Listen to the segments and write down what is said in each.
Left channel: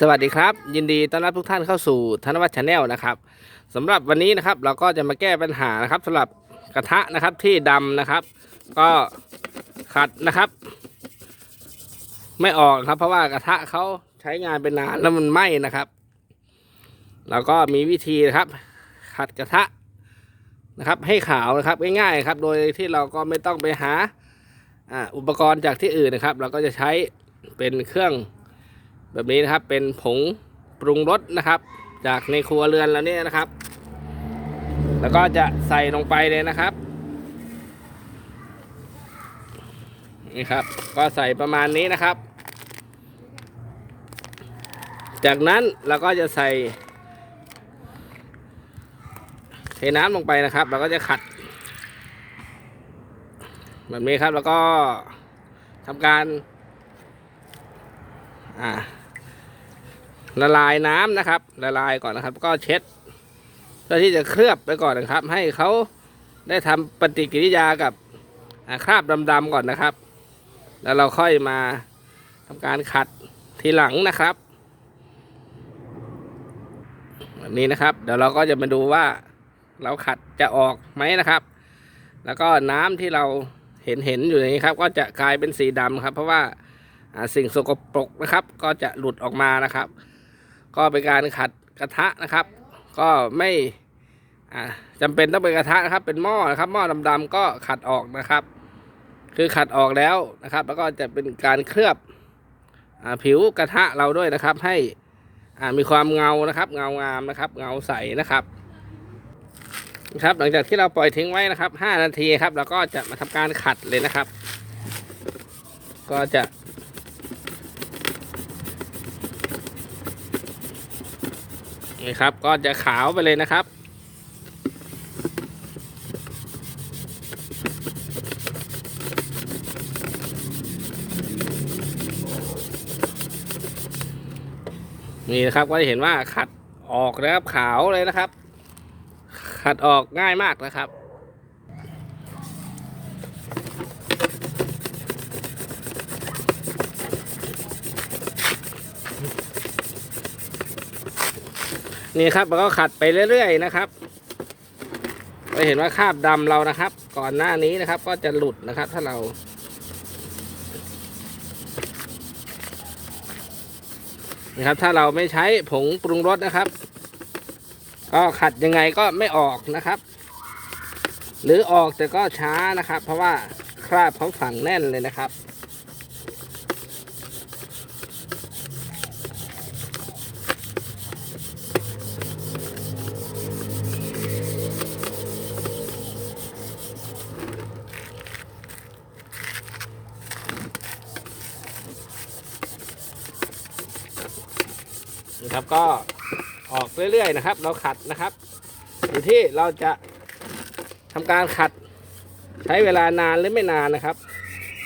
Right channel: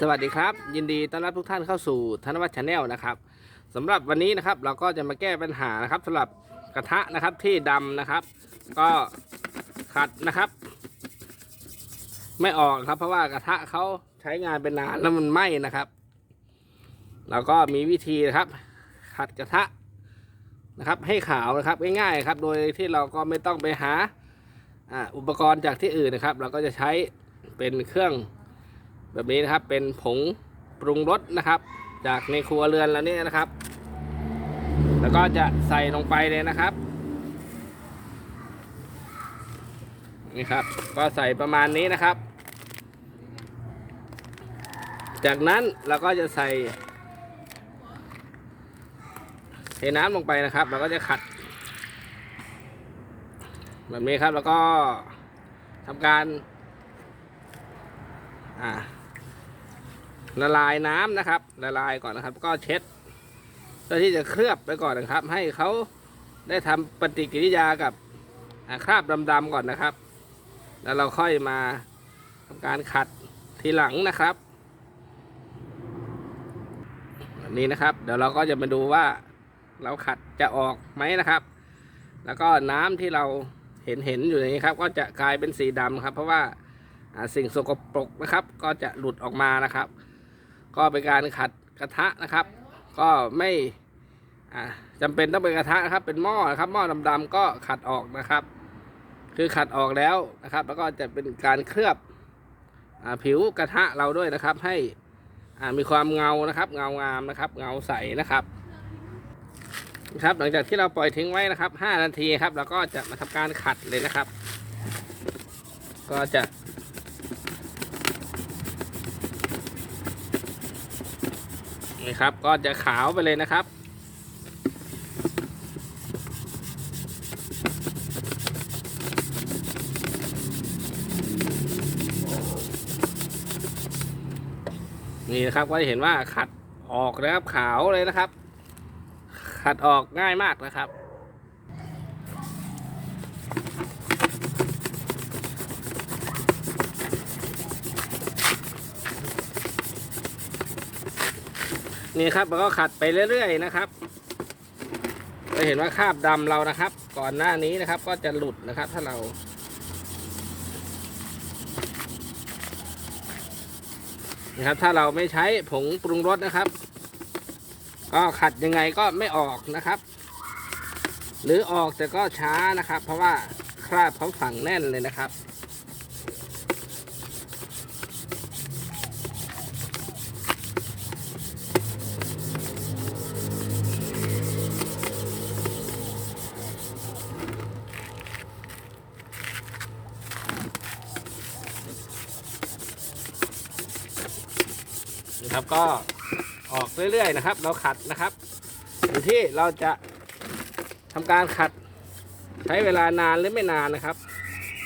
สวัสดีครับ ยินดีต้อนรับทุกท่านเข้าสู่ธนวัฒน์ชาแนลนะครับสำหรับวันนี้นะครับเราก็จะมาแก้ปัญหานะครับสำหรับกระทะนะครับที่ดำนะครับ ก็ขัดนะครับ ไม่ออกครับเพราะว่ากระทะเขาใช้งานเป็นนานแล้วมันไหม้นะครับเราก็มีวิธีนะครับ ขัดกระทะนะครับ ให้ขาวนะครับง่ายๆครับ โดยที่เราก็ไม่ต้องไปหาอ่าอุปกรณ์จากที่อื่นนะครับ เราก็จะใช้เป็นเครื่อง แบบนี้นะครับเป็นผงปรุงรสนะครับ จากในครัวเรือนแล้วเนี่ยนะครับ แล้วก็จะใส่ลงไปเลยนะครับนี่ครับ ก็ใส่ประมาณนี้นะครับ จากนั้นเราก็จะใส่เทน้ำลงไปนะครับเราก็จะขัด แบบนี้ครับแล้วก็ทำการอ่า ละลายน้ำนะครับ ละลายก่อนนะครับ ก็เช็ดเพื่อที่จะเคลือบไปก่อนนะครับ ให้เขาได้ทำปฏิกิริยากับคราบดำๆก่อนนะครับ แล้วเราค่อยมาทำการขัดทีหลังนะครับแบบนี้นะครับ เดี๋ยวเราก็จะมาดูว่าเราขัดจะออกไหมนะครับ แล้วก็น้ำที่เราเห็นเห็นอยู่นี้ครับ ก็จะกลายเป็นสีดำครับ เพราะว่าสิ่งสกปรกนะครับ ก็จะหลุดออกมานะครับ ก็เป็นการขัดกระทะนะครับ ก็ไม่อ่าจำเป็นต้องเป็นกระทะนะครับ เป็นหม้อนะครับ หม้อดำๆก็ขัดออกนะครับ คือขัดออกแล้วนะครับ แล้วก็จะเป็นการเคลือบอผิวกระทะเราด้วยนะครับ ให้มีความเงานะครับ เงางามนะครับ เงาใสนะครับนะครับ หลังจากที่เราปล่อยทิ้งไว้นะครับ 5 นาทีครับ เราก็จะมาทำการขัดเลยนะครับ ก็จะ นี่ครับก็จะขาวไปเลยนะครับ นี่นะครับก็จะเห็นว่าขัดออกนะครับขาวเลยนะครับ ขัดออกง่ายมากนะครับ นี่ครับแล้วก็ขัดไปเรื่อยๆนะครับจะเห็นว่าคราบดำเรานะครับ ก่อนหน้านี้นะครับ ก็จะหลุดนะครับ ถ้าเรา นะครับ ถ้าเราไม่ใช้ผงปรุงรสนะครับ ก็ขัดยังไงก็ไม่ออกนะครับ หรือออกแต่ก็ช้านะครับ เพราะว่าคราบเขาฝังแน่นเลยนะครับ นะครับก็ออกเรื่อยๆนะครับ เราขัดนะครับอยู่ที่เราจะทำการขัดใช้เวลานานหรือไม่นานนะครับ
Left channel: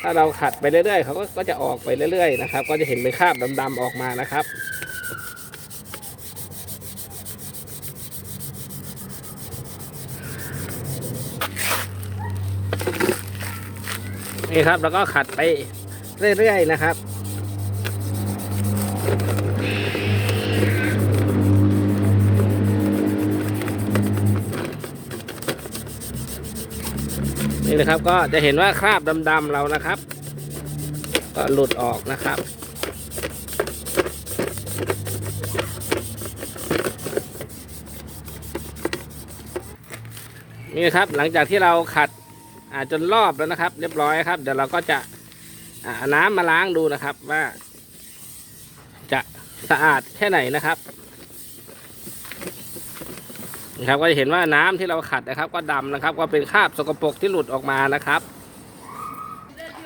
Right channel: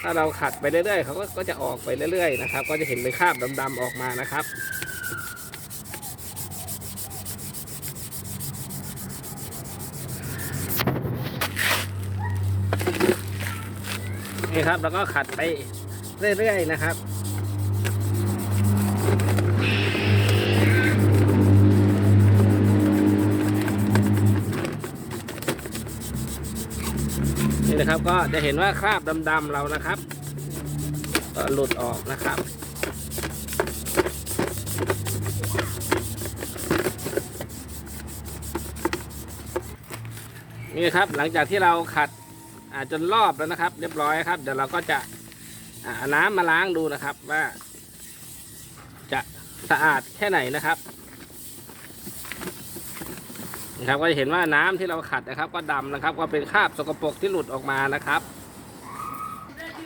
ถ้าเราขัดไปเรื่อยๆเขาก็จะออกไปเรื่อยๆนะครับ ก็จะเห็นเป็นคราบดำๆออกมานะครับนี่ครับแล้วก็ขัดไปเรื่อยๆนะครับ นี่นะครับก็จะเห็นว่าคราบดำๆเรานะครับ ก็หลุดออกนะครับนี่ครับหลังจากที่เราขัดจนรอบแล้วนะครับ เรียบร้อยครับ เดี๋ยวเราก็จะอ่าเอาน้ำมาล้างดูนะครับ ว่า จะสะอาดแค่ไหนนะครับ นะครับก็จะเห็นว่าน้ำที่เราขัดนะครับ ก็ดำนะครับ ก็เป็นคราบสกปรกที่หลุดออกมานะครับ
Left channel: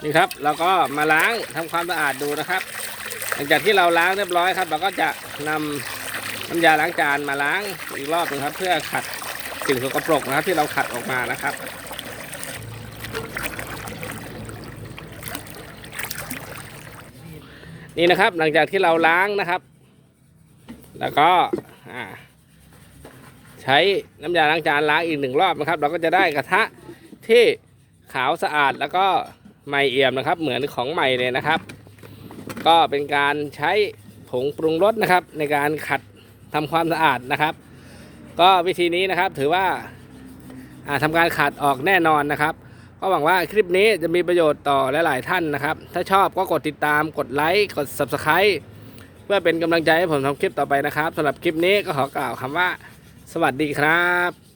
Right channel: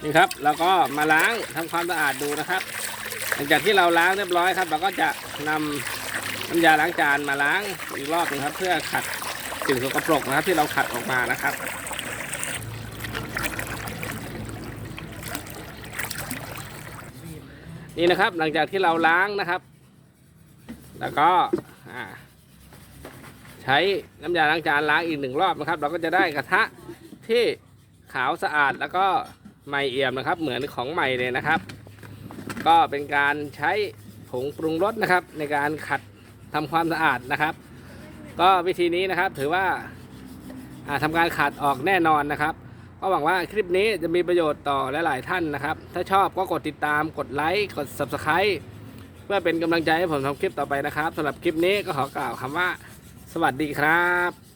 นี่ครับเราก็มาล้างทำความสะอาดดูนะครับ หลังจากที่เราล้างเรียบร้อยครับ เราก็จะนำน้ำยาล้างจานมาล้างอีกรอบหนึงครับ เพื่อขัดสิ่งสกปรกนะครับ ที่เราขัดออกมานะครับนี่นะครับหลังจากที่เราล้างนะครับ แล้วก็อ่า ใช้น้ำยาล้างจานล้างอีกหนึ่งรอบนะครับ เราก็จะได้กระทะที่ขาวสะอาดแล้วก็ใหม่เอี่ยมนะครับ เหมือนของใหม่เลยนะครับ ก็เป็นการใช้ผงปรุงรสนะครับ ในการขัดทำความสะอาดนะครับ ก็วิธีนี้นะครับถือว่าอ่าทำการขัดออกแน่นอนนะครับก็หวังว่าคลิปนี้จะมีประโยชน์ต่อหลาย ๆ ท่านนะครับ ถ้าชอบก็กดติดตามกดไลค์กด Subscribe เพื่อเป็นกำลังใจให้ผมทำคลิปต่อไปนะครับสำหรับคลิปนี้ก็ขอกล่าวคำว่า สวัสดีครับ